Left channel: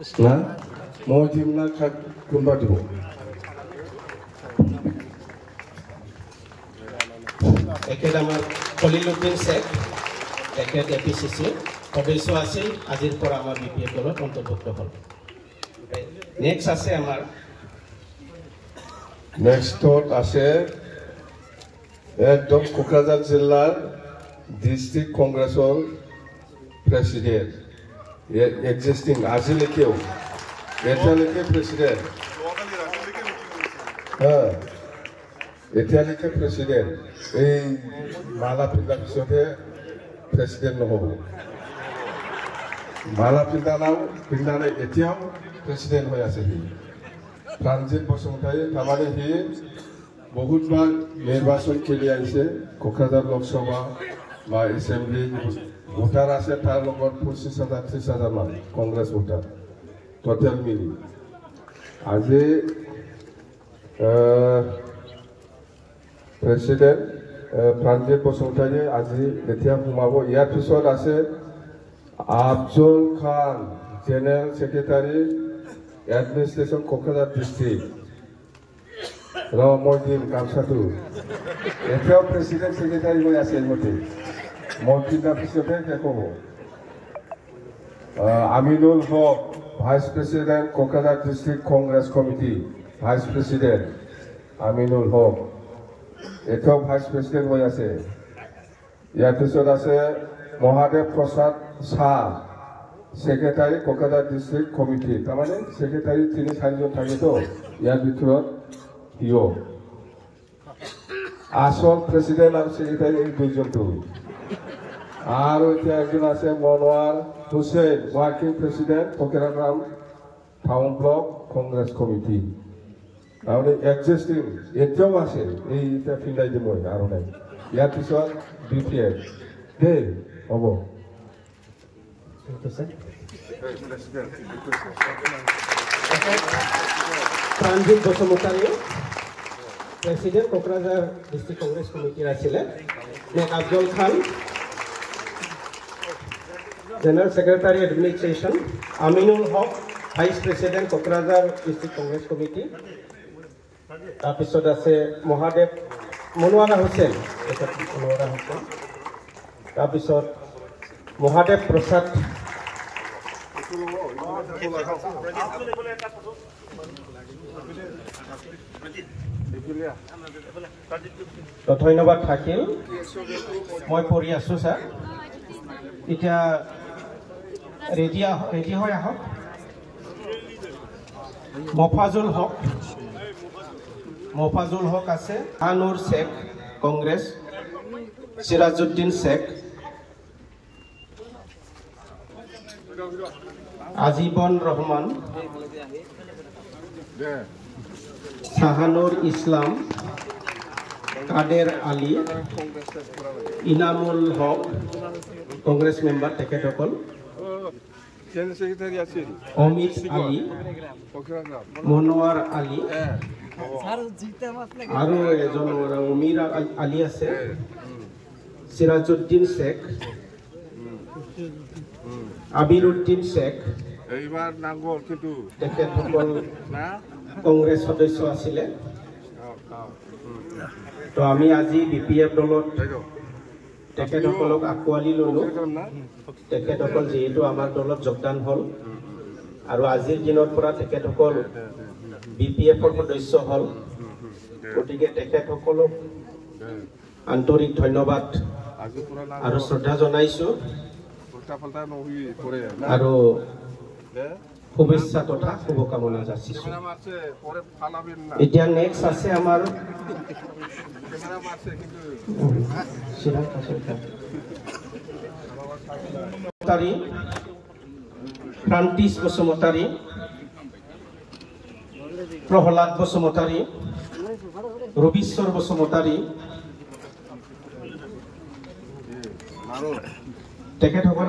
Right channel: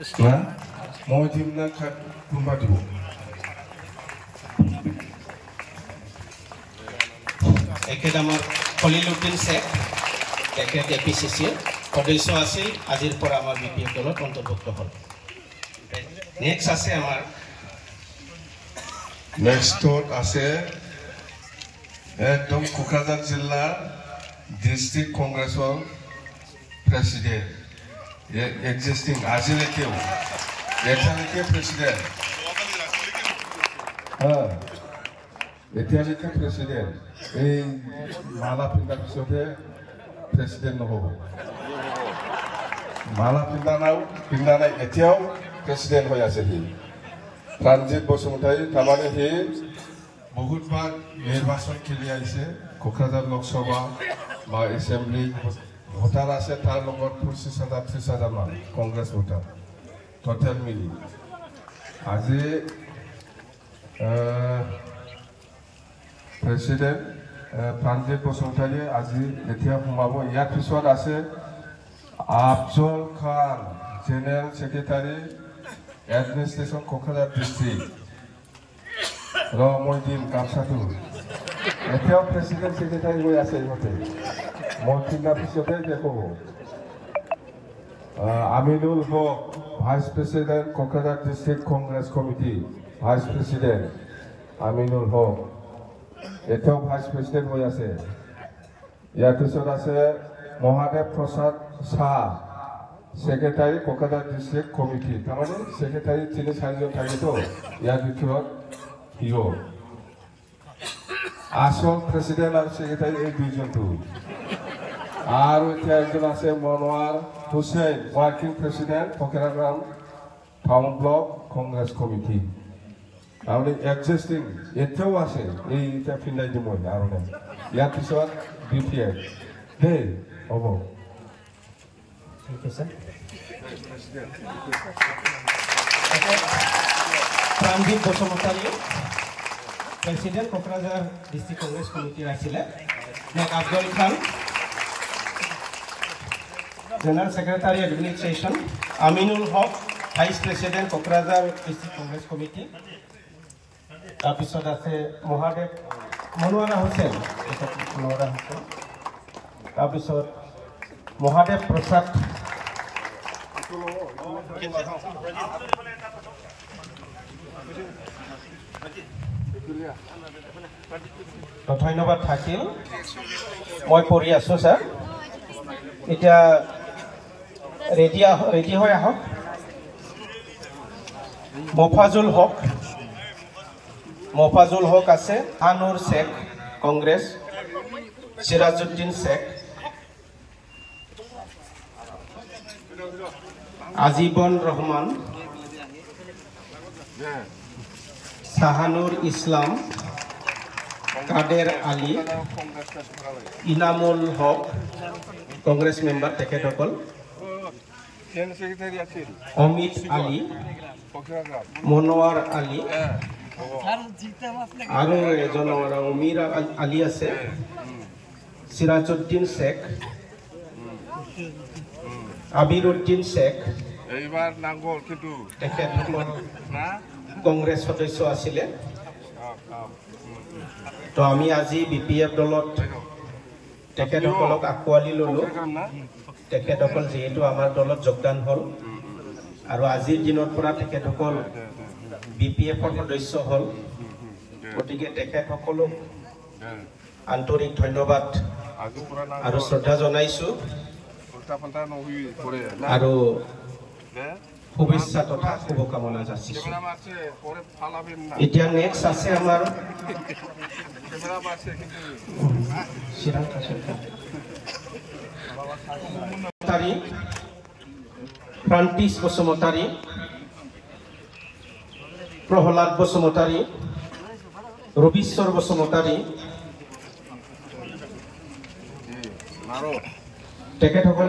না মই দিম না কোনবা দিব একেদ আমাৰ খলিলুদ্দিন শেখ তেখেত এপিচিচিৰ সদস্য আছিল আজিৰ পৰা আমাৰ বিপিএফ দলত অন্তৰ্ভুক্ত হ'ল নেক্সট আছে আমাৰ নেক্সটত আছে একদম কোকৰাঝাৰ জিলাৰ ডিস্ট্ৰিক্ট কংগ্ৰেছৰ প্ৰেসিডেন্ট existing আজিলৈকেও এতিয়ালৈকে প্ৰেসিডেন্ট এতিয়ালৈকে প্ৰেসিডেন্ট এই মালা পিন্ধাৰ পিছতে প্ৰেসিডেন্ট নহব মালা পিন্ধা নাই এতিয়াও প্ৰেসিডেন্ট হৈ আছে সি প্ৰাণজিৎ বসুমতাৰী তাৰমানে সি বহুতবাৰ নিৰ্বাচন খেলি আহিছে কোকৰাঝাৰ লোকসভা বা এছেম্বলি ভোটাৰ আছে তাৰ লগত 25,000-30,000 মান কংগ্ৰেছ ভোটাৰ টোটেল মিলি আজি প্ৰেসিডেন্ট প্ৰাণজিৎ বসুমতাৰী আজি এতিয়া সোমাব ইয়াৰ পিছত আছে আফজল খান general secretary administration Kokrajhar district মই দিম কামচাটো এতিয়াও প্ৰেসিডেন্ট সেক্ৰেটাৰী হৈ আছে ইহঁতে মন্ত্ৰীৰ পিছতে দেখব Aminul Haque vice president Kokrajhar district Congress committee vice president Aminul Haque এতিয়াও ভাইস প্ৰেসিডেন্ট হৈ আছে ইয়াৰ পিছত আছে Mahadev Prasad Shah secretary Kokrajhar district committee তাৰমানে সেক্ৰেটাৰী 3-4জন থাকেতো ইয়াৰ ভিতৰত হিৰ আসল প্ৰেসিডেন্ট আৰু সেক্ৰেটাৰী এই দুজনটো আৰু এতিয়া একজন আছে Monowar Hussain working president Kokrajhar town block Congress committee আৰু এক্সিস্টিং এতিয়াও আছে এই এটা ফিলাই দিব আৰু নাই ইয়াৰ পিছত বিপিএফ দেই হ'ব প্ৰাণজিৎ বসুমতাৰী প্ৰেসিডেন্ট কোকৰাঝাৰ ডিস্ট্ৰিক্ট কংগ্ৰেস কমিটিৰ আছিলে Afzal Khan general secretary administration Aminul Haque vice president Kokrajhar district Congress committee তাৰপিছত আছে মহাদেৱ মনোৱাৰা হুছেইন তাৰপিছত মহাদেৱ প্ৰসাদ ধন্যবাদ থাকিল মই পঢ়ি আছো স্যাৰ এতিয়া ৰেডি হৈ আহক মফাজুল হক আছে আনুৰ শেখ কংগ্ৰেছ সিরাজউদ্দিন শেখ আজিবন রহমান শাহানুর ইসলাম কাদের আলী ইনামুল হক কংগ্রেস মেম্বার তেখেতসকল অমিত আলী মনোয়ার আলী আৰু এজন অমিৰ আলী আছে সিৰাজউদ্দিন শেখ আবিৰউদ্দিন শেখ এইবাৰ নাংগল কিন্তু তেখেতসকল কংগ্ৰেছ সদস্য আছিলে তো আমি আজি বিপিএফ দলত তেখেতসকলক আকোৱালি ললো তেখেতসকল যেহেতু আমাৰ দলত যোগদান হ'ল আৰু আজিৰ দিনৰ পৰা তেখেতসকল বিপিএফৰ সদস্য হ'ল গতিকে তেখেতসকলক আন্তৰিক ধন্যবাদ আৰু শ্ৰদ্ধা জনাইছো আৰু শুভেচ্ছা তথা শুভকামনা যাচিছো এতিয়া নেক্সট আছে আমাৰ ফ্ৰান্তিছ বসুমতাৰী প্ৰহ্লাদ বসুমতাৰী ৰবীশ্বৰ বসুমতাৰী তেখেতসকল